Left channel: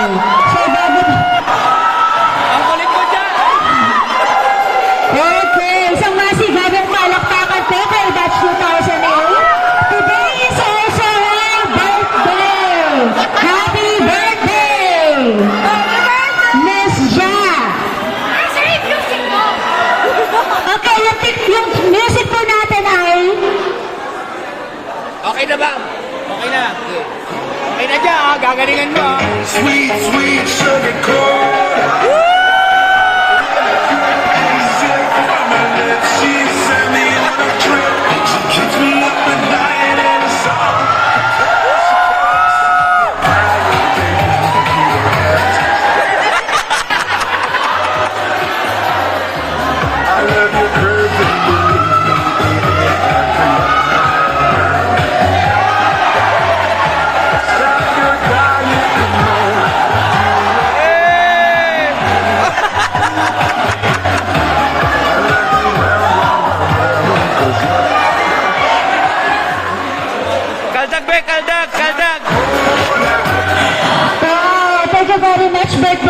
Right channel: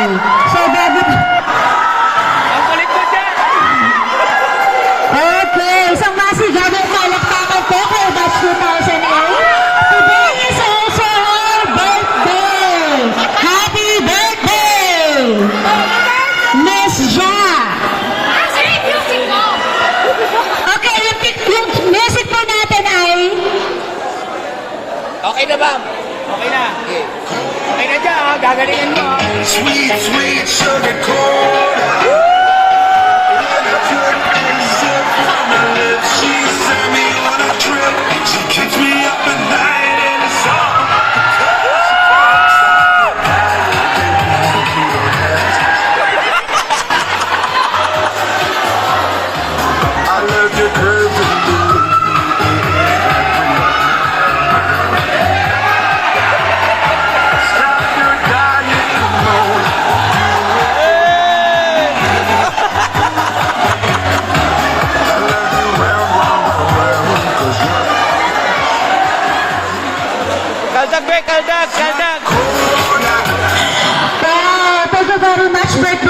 So, bago... Ang kulit mo dyan! Okay, isang masigadong palakpakan po kay Batch 2008. Today is also her birthday! Happy birthday! Miss Ja! Okay, yung music po natin ay... Okay na ba? Okay na. Okay. Okay na dyan, ha? Gagalingan mo, ha? Sweet, sweet sugar cola. She sent me on a trip. She keeps me up at night in the sun. I love your virgin Kaldag, be! Kaldag! Kaldag! Wow, thank you very much, birthday